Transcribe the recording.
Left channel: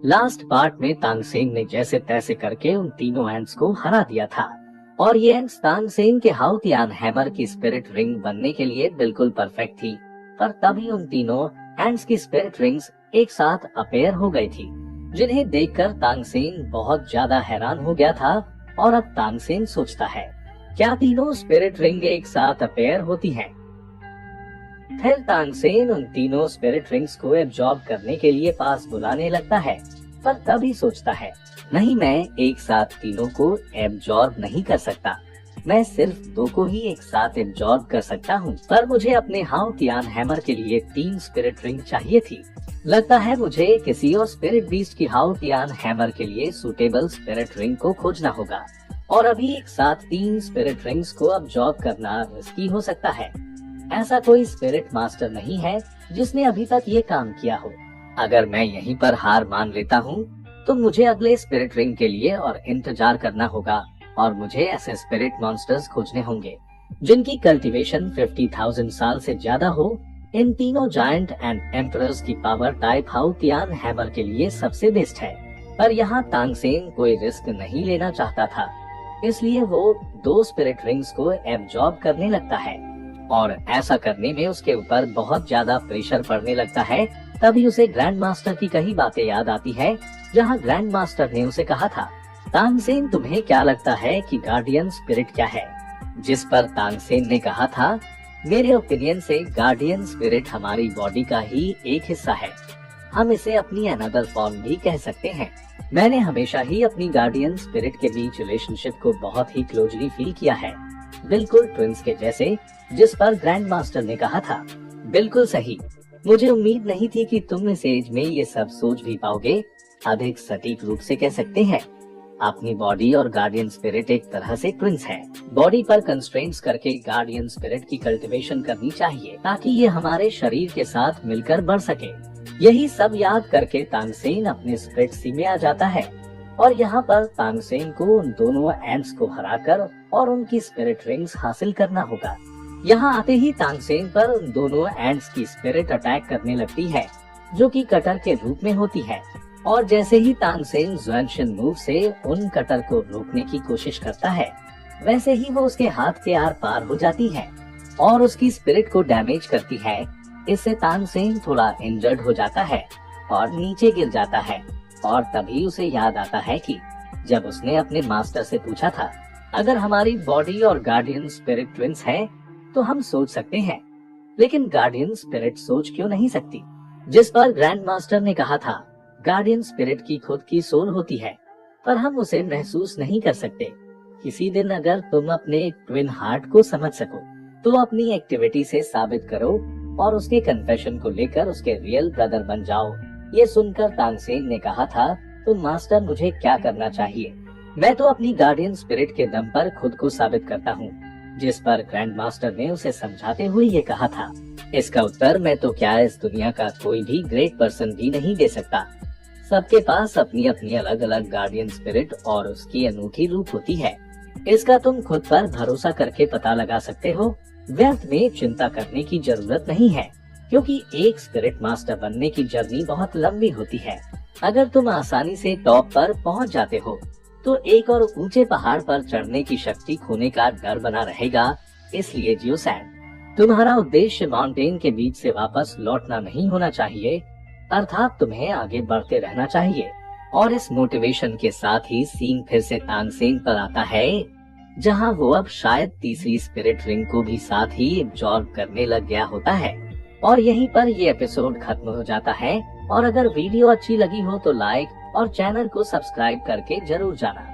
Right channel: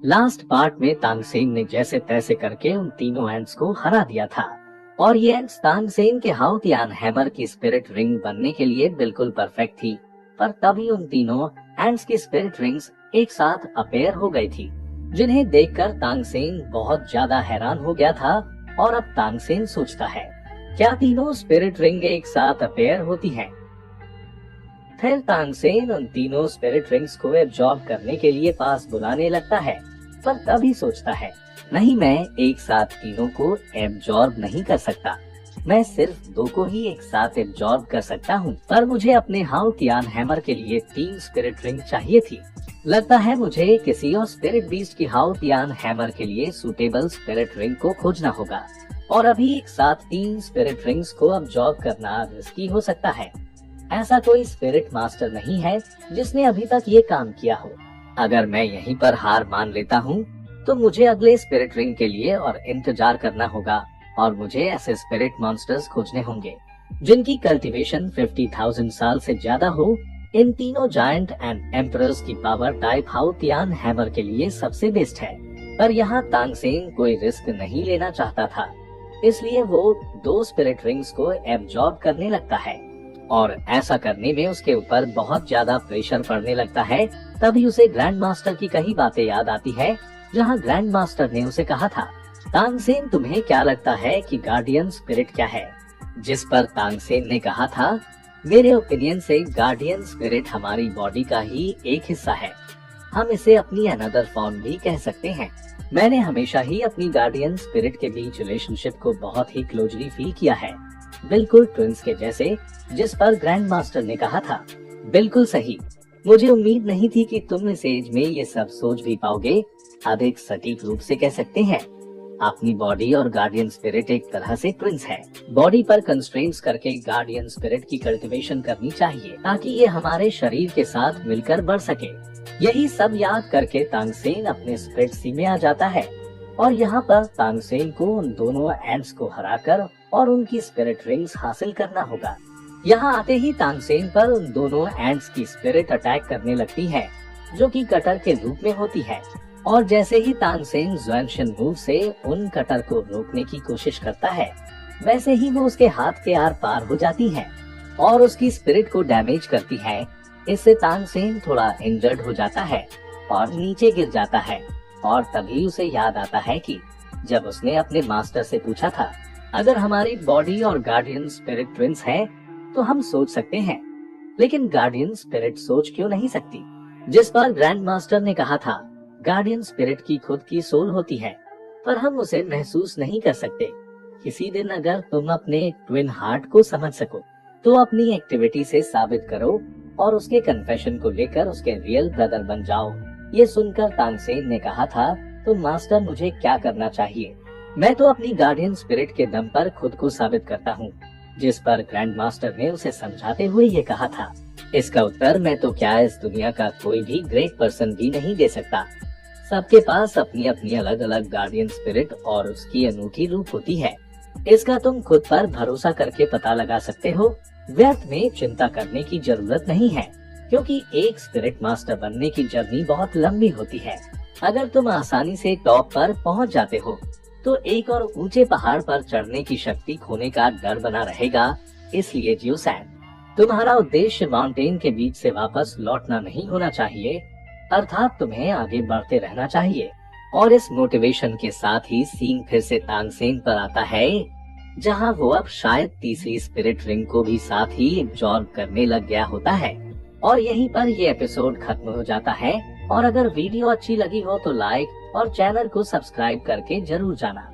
Last part में तानसेन ने जैसे तैसे करके उन तीनों एंट्स को हरा दिया था और ये एंट्स तानसेन के हाउतियान हैमर की स्पिरिट रिंग बनने के लिए बिल्कुल परफेक्ट थी। पर तभी उन तीनों एंट्स की स्पिरिट रिंग्स एक साथ अपेयर हो गई थी, जिन्हें देखकर तानसेन बहुत ज्यादा हैरान हो गया था। और अब तानसेन सोचता है, क्या तीनों स्पिरिट रिंग एक साथ अपेयर होती हैं? फिर तानसेन उन तीनों स्पिरिट रिंग्स को एब्जॉर्ब करने के लिए पास बुलाने लगता है, पर तभी सोचता है, नहीं, मैं एक साथ तीनों को एब्जॉर्ब नहीं कर सकता। मैं सिर्फ दो को ही एक साथ एब्जॉर्ब कर सकता हूँ। पर मुझे अपने हाउतियान हैमर के लिए 3 स्पिरिट रिंग चाहिए थी। लगता है मुझे किसी और स्पिरिट बीस्ट की हाउतियान हैमर के लिए सुटेबल स्पिरिट रिंग को खोजना होगा और अभी एक साथ 3 स्पिरिट रिंग्स को एब्जॉर्ब करना रिस्की हो सकता है। ऐसा कोई स्पिरिट मास्टर नहीं है जिसने अभी तक ये काम किया हो। अगर मैं यहीं पर हार मान लेता हूँ तो मुझे अगले स्पिरिट रिंग के लिए और इंतजार करना होगा और मुझे ऐसे स्पिरिट मॉन्स्टर्स खोजने होंगे जिनकी कल्टीवेशन 50,000 साल से ज्यादा हो। इन तीनों जायंट एंड एम्परर्स की पावर टाइप हाउतियान हैमर के लिए सबसे बेस्ट है। पर यहाँ तानसेन कोई रिस्क नहीं लेना चाहता था, इसलिए वो 2 स्पिरिट रिंग्स को एब्जॉर्ब करने लगता है और ऐसा करने में उसके ऊपर बहुत ज्यादा प्रेशर पड़ने लगता है। तभी उसे ग्रैंड मास्टर की कई बातें याद आती है, जहाँ ग्रैंड मास्टर ने उसे कहा था, तानसेन तुम्हें क्या लगता है कि गार्डियन स्पिरिट क्या है? जिस पर तानसेन ने कहा था, मेरे ओपिनियन से गार्डियन स्पिरिट हमारी बॉडी का ही एक हिस्सा है। हम इसे अपनी अनदर फॉर्म भी कह सकते हैं। मैंने हमेशा ही अपनी गार्डियन स्पिरिट के बीच रिलेशनशिप को बहुत ही क्लोजली फील किया है, बिल्कुल ट्विंस के जैसे। जिस पर ग्रैंड मास्टर ने कहा था, बिल्कुल सही, मुझे उम्मीद नहीं थी कि तुम इस एज में ये सब सोच भी पाओगे। अधिक सटीक रूप से कह सकते हैं, अपनी बॉडी और गार्डियन स्पिरिट एक तरह से ट्विंस है। बॉडी पर कंस्ट्रेंट्स करके गार्डियन स्पिरिट की कल्टीवेशन करनी चाहिए ताकि ये हमारे शरीर के साथ मिलकर बढ़ सके। यही सब याद करके तानसेन अपने स्पिरिट सी में आ जाता है और यहाँ पर तानसेन को उन दोनों एंट्स को हराकर और उनकी स्पिरिट रिंग्स हासिल करना होगा। यहाँ आते ही तानसेन पर उन दोनों एंट्स की स्पिरिट अटैक करने लगती है, जो कि कटर के रूप में होती है। और जैसे ही तानसेन ज़ुएंशन मूव से उन कटर को रोकने की कोशिश करता है, वैसे ही वो उसके हाथ के आर पार हो जाती है और उसकी स्पिरिट को डैमेज करती है। इससे तानसेन थोड़ा इंजर्ड हो जाता है और नीचे गिर जाता है। और तभी उसे याद आता है कि जब उसने अपने मास्टर से पूछा था, अगर हमारी बॉडी और गार्डियन स्पिरिट ट्विंस है तो हम सोच सकते हैं, लेकिन गार्डियन स्पिरिट सोच क्यों नहीं सकती? जिस पर ग्रैंड मास्टर ने कहा था, गार्डियन स्पिरिट की खुद की सोल होती है, पर हम उसे महसूस नहीं कर सकते। किसी दिन अगर तुम अपने ट्विन हार्ट को समझ सको तो अपनी एक्टिविटी से साबित करो और उसके कन्फेशन को लेकर उसके रियल ब्रदर बन जाओ। ये सुनकर तानसेन ने कहा था, तो मास्टर मुझे क्या करना चाहिए? मैं तो अपनी गार्डियन स्पिरिट के दम पर खुद को साबित करता हूँ। जिस पर ग्रैंड मास्टर ने उसे समझाते हुए ये कहा था, इसका उत्तर मैं तो क्या, इस दुनिया का कोई भी ग्रेट पर्सन भी नहीं दे सकता। सबके पास अपनी अपनी अलग अलग गार्डियन स्पिरिट और उसकी अनोखी रूप होती है। इसका तुम खुद पर भरोसा करके पता लगा सकते हो। व्यर्थ में चिंता करने की जरूरत नहीं है, क्योंकि एक स्पिरिट मास्टर बनने की जर्नी बहुत लंबी होती है। अगर तुम आसानी से टॉप पर पहुंच जाते हो तो एक और ऊंचे पहाड़ पर चढ़ने की शक्ति खोने का डर बना रहेगा। इसलिए जियोसैन, तुम्हारा उद्देश्य माउंटेन के बीच से वापस लौटना नहीं होना चाहिए, अर्थात तुम्हें आगे बढ़ते रहना चाहिए। और इस मोटिवेशन के साथ ही सीन फिर से तानसेन पर आता है, जहां वो अब शायद तीसरी स्पिरिट रिंग को भी साथ ही एब्जॉर्ब करने लग गया होता है। और यहीं पर ये एपिसोड खत्म हो जाता है। और अगर वीडियो अच्छी लगी हो तो लाइक और चैनल को सब्सक्राइब करके जरूर जाना।